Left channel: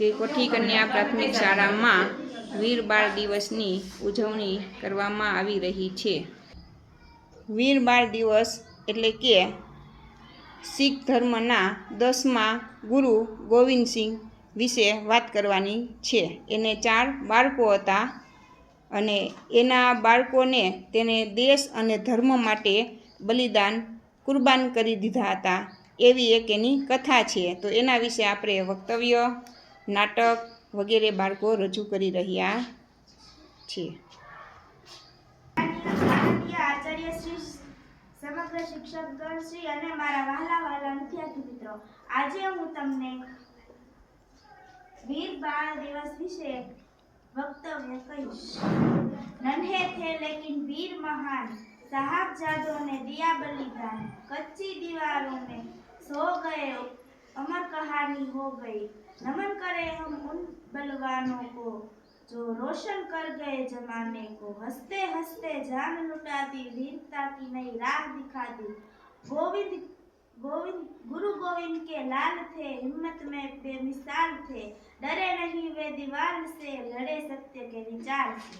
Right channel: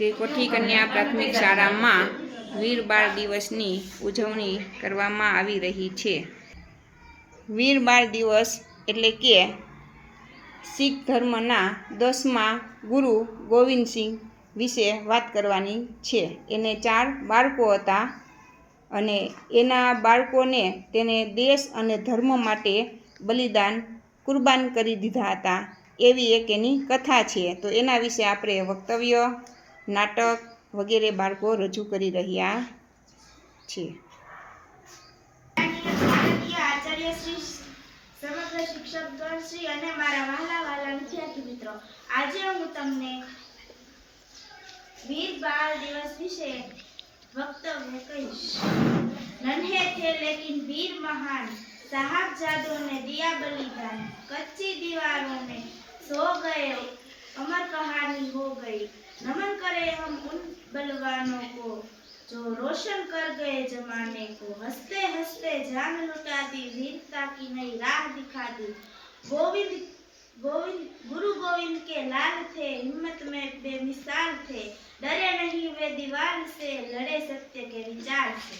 શ્રી કોઠી કન્યા પ્રાથમિક શાળામાં વીર બાળ દિવસની ઉજવણી કરવામાં આવી રહી છે। વીર બાળ દિવસ એટલે કે શીખ ધર્મના 10મા ગુરુ ગોવિંદસિંહ વિશે વાત કરવાની છે। એને 4 બાળકો હતા અને એના બાળકોને તેને દેશ અને ધર્મ માટે બલિદાન કુરબાન કરી દીધા હતા, એવી એક એની કથા છે। તો એના વિશે આપણે વક્તવ્ય, નાટક વગેરે બાળકો રજૂ કરી રહ્યા છે। આચાર્ય શ્રી, સમગ્ર શિક્ષકગણ શ્રી અને મારા વહાલા વહાલા વિદ્યાર્થી મિત્રો, આજે હું તમને વીર બાળ દિવસ વિશે वक्तव्य कहीश। नन्हे थे लेकिन वीर महान, साहबजादों ने दिया बलिदान, कच्ची दीवारों में सो गए अमर कहानी हो गई। नमन करें हम उन बलवानों को जो रोशन कर गए जमाने को। हंसते हंसते जान लुटा दी, वीरता की नई राह दिखा दी। गोविंद गोविंद गुरु गोविंद के लाल थे, हिम्मत में बेमिसाल थे। डरे नहीं वे दीवार से, लड़े सत्य के विचार से।